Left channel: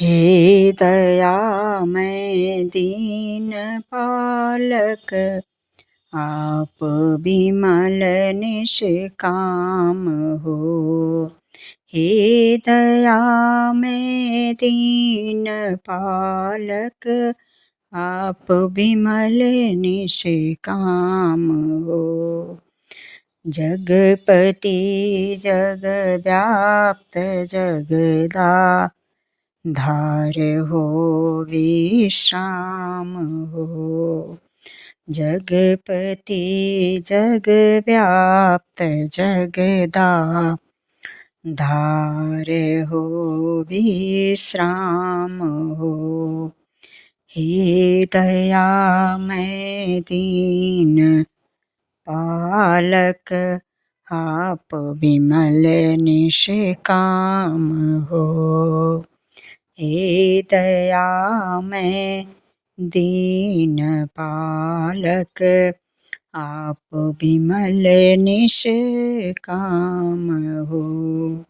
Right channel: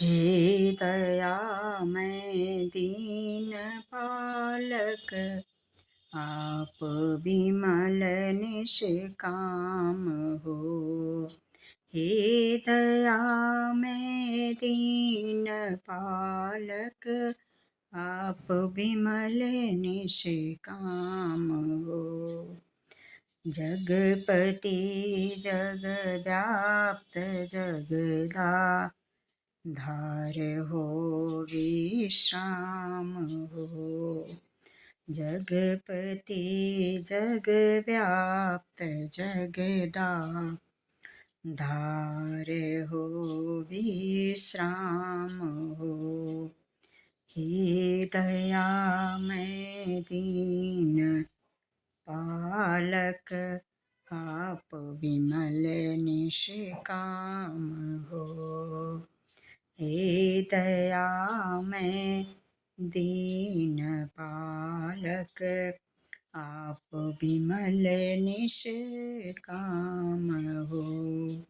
हे दयामय दीन पालक, आप बिमल निष्काम हो। हे दयामय दीन पालक, आप बिमल निष्काम हो। जगपति जगव्याप्त जगदा धार हो विश्राम हो। जगपति जगव्याप्त जगदा धार हो विश्राम हो। हे दयामय दीन पालक, आप बिमल निष्काम हो। हे दयामय दीन पालक, आप बिमल निष्काम हो।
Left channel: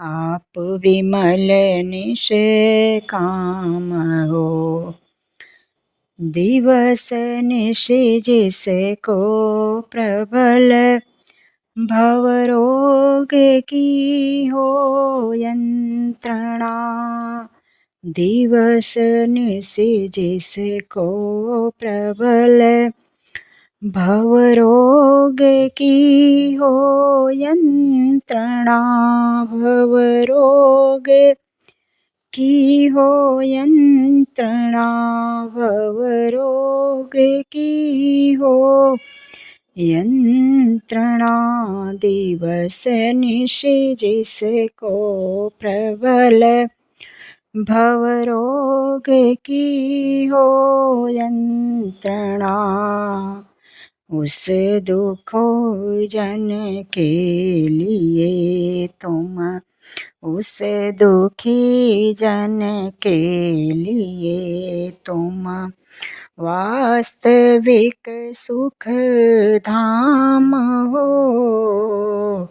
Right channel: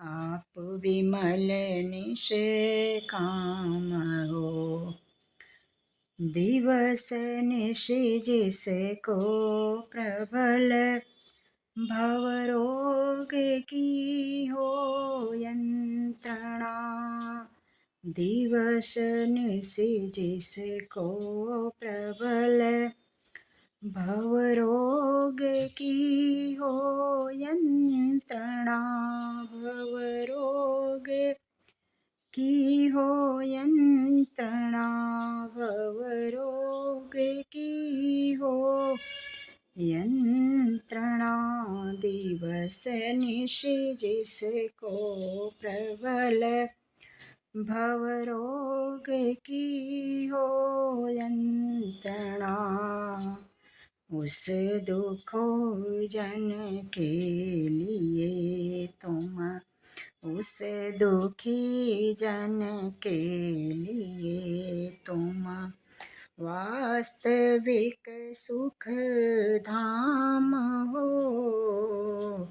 आप बिमल निष्काम हो। दिवस निश जिसको प्रबल भवरोग की हो यंत्रणा। दिवस निश जिसको प्रबल भवरोग की हो यंत्रणा। भवरोग की हो यंत्रणा। भवरोग की हो यंत्रणा। दिवस निश जिसको प्रबल भवरोग की हो यंत्रणा। उस दुखो जन के लिए तुम, उस दुखी जन के लिए तुम वास्तविक सुख धाम हो।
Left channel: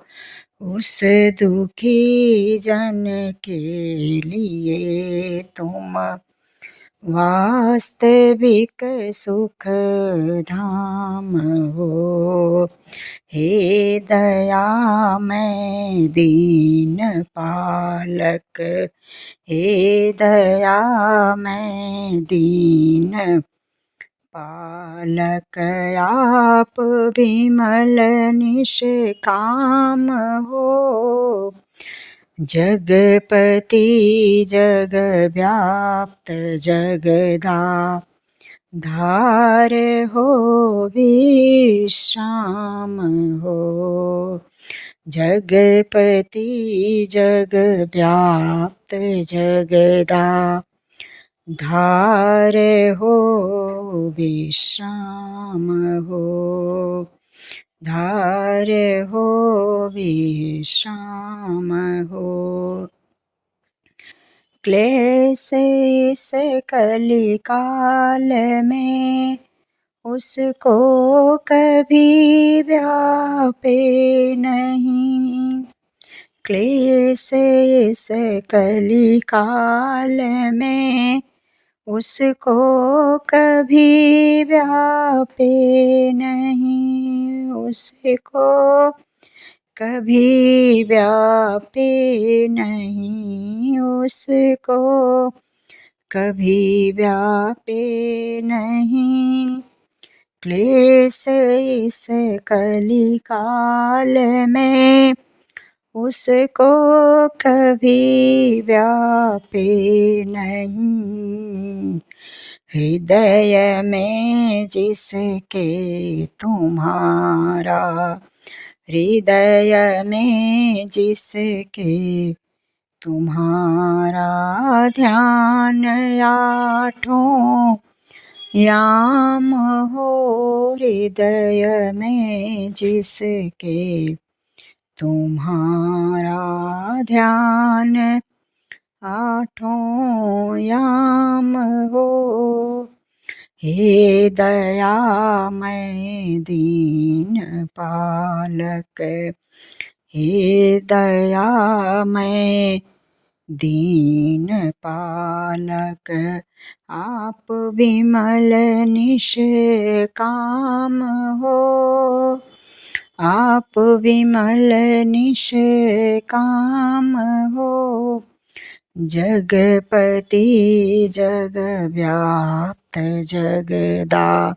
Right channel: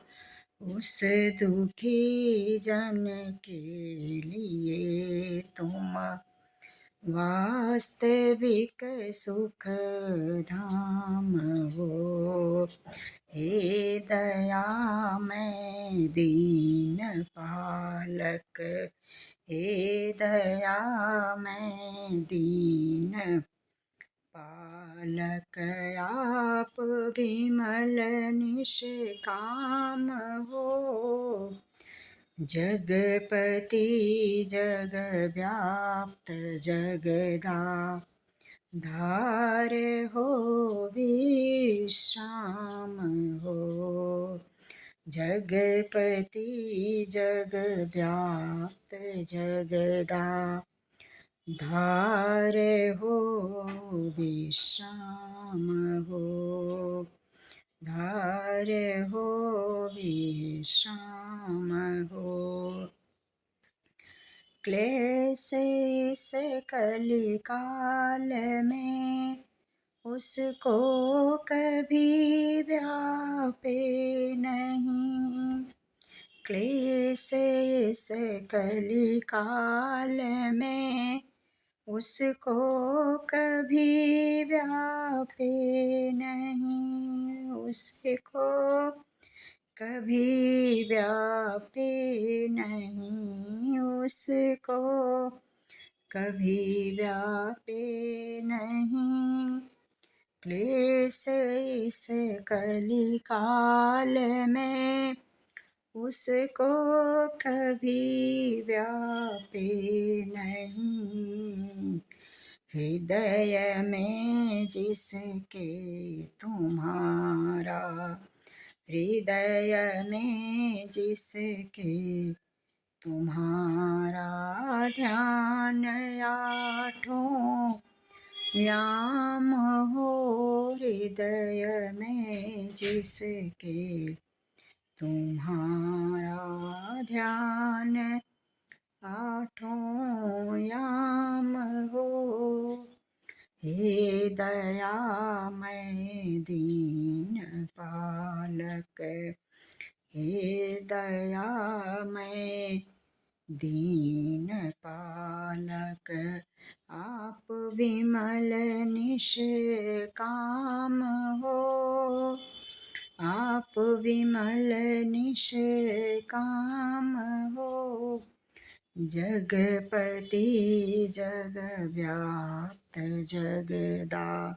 उस दुखी जन के लिए तुम वास्तविक सुख धाम हो। हे दयामय दीन पालक, हे दयामय दीन पालक, आप बिमल निष्काम हो। जगपति जगव्याप्त जगदा धार हो विश्राम हो। जगपति जगव्याप्त जगदा धार हो विश्राम हो। धार हो विश्राम हो। क्लेश इस कलिकाल में उसको कभी व्यापे नहीं। क्लेश इस कलिकाल में उसको कभी व्यापे नहीं। उसको कभी व्यापे नहीं। उसको कभी व्यापे नहीं। क्लेश इस कलिकाल में उसको कभी व्यापे नहीं। हृदय में जिसके तुम्हारा, हृदय में जिसके तुम्हारा ध्यान आठों याम हो। हृदय में जिसके तुम्हारा ध्यान आठों याम हो। हे दयामय दीन पालक, हे दयामय दीन पालक आप विमल निष्काम हो। आप विमल निष्काम हो। जगपति जगव्याप्त जगदा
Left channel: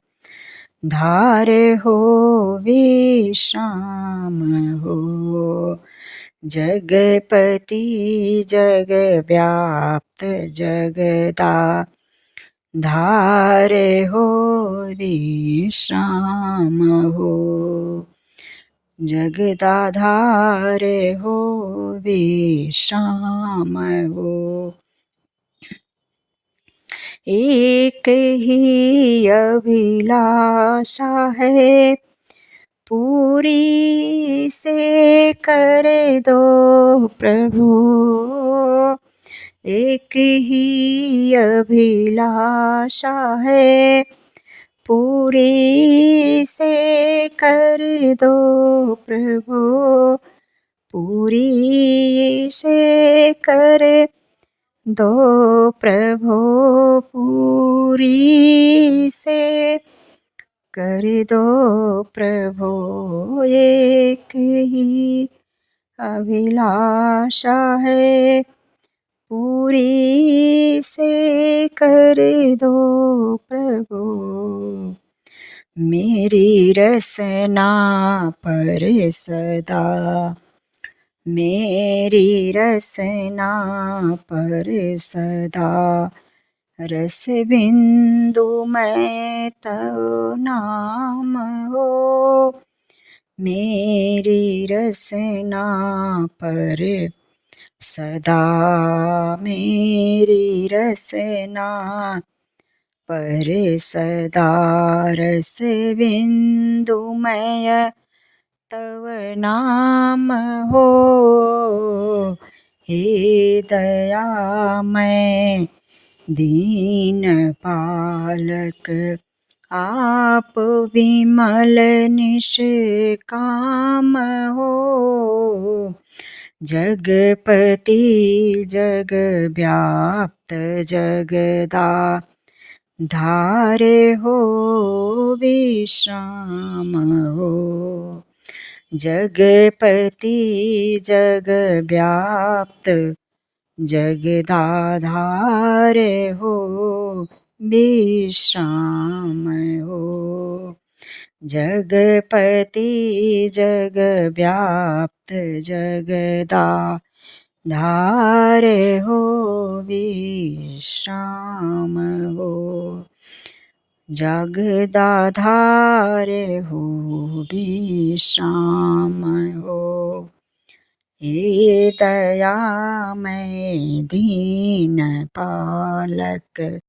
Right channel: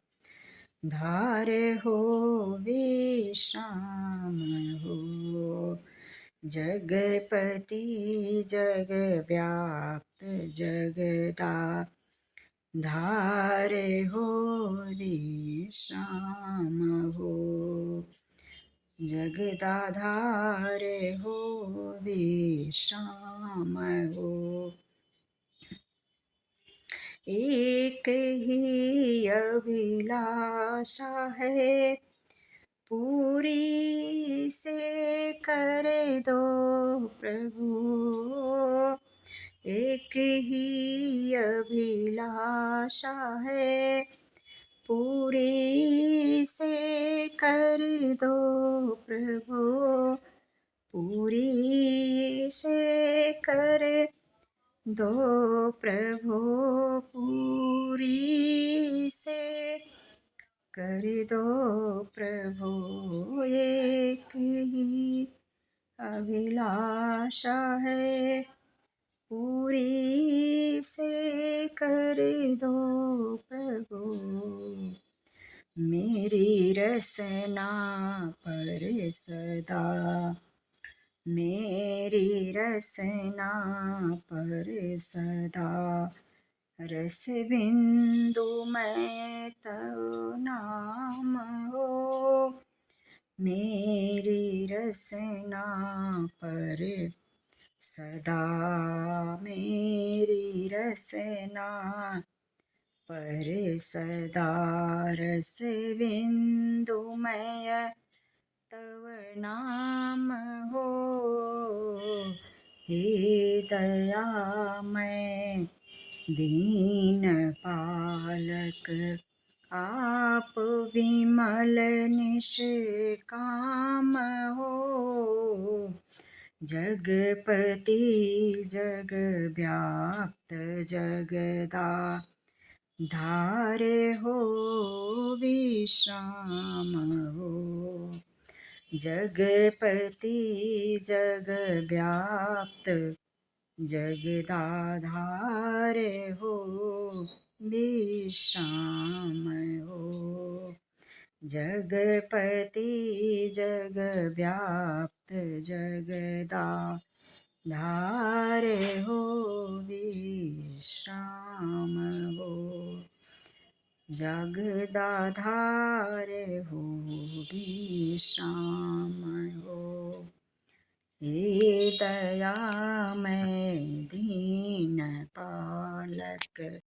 धार हो विश्राम हो। जगपति जगव्याप्त जगदा धार हो विश्राम हो। जगदाधार हो विश्राम हो। एक ही अभिलाषा है पूरी से कर दो प्रभु। एक ही अभिलाषा है पूरी से कर दो प्रभु। पूरी से कर दो प्रभु। पूरी से कर दो प्रभु। एक ही अभिलाषा है पूरी से कर दो प्रभु। मेरी रसना पर सदा मेरी रसना पर सदा रस बिंदु मैं तव नाम हो। मेरी रसना पर सदा मेरी रसना पर सदा रस बिंदुमय तव नाम हो। हे दयामय दीन पालक आप विमल निष्काम हो। जगपति जगव्याप्त जगदा धार हो विश्राम हो। जगपति जगव्याप्त जगदाधार हो विश्राम हो। जगपति जगव्याप्त जगदाधार हो विश्राम हो। जगदाधार हो विश्राम हो। हे दयामय दीन पालक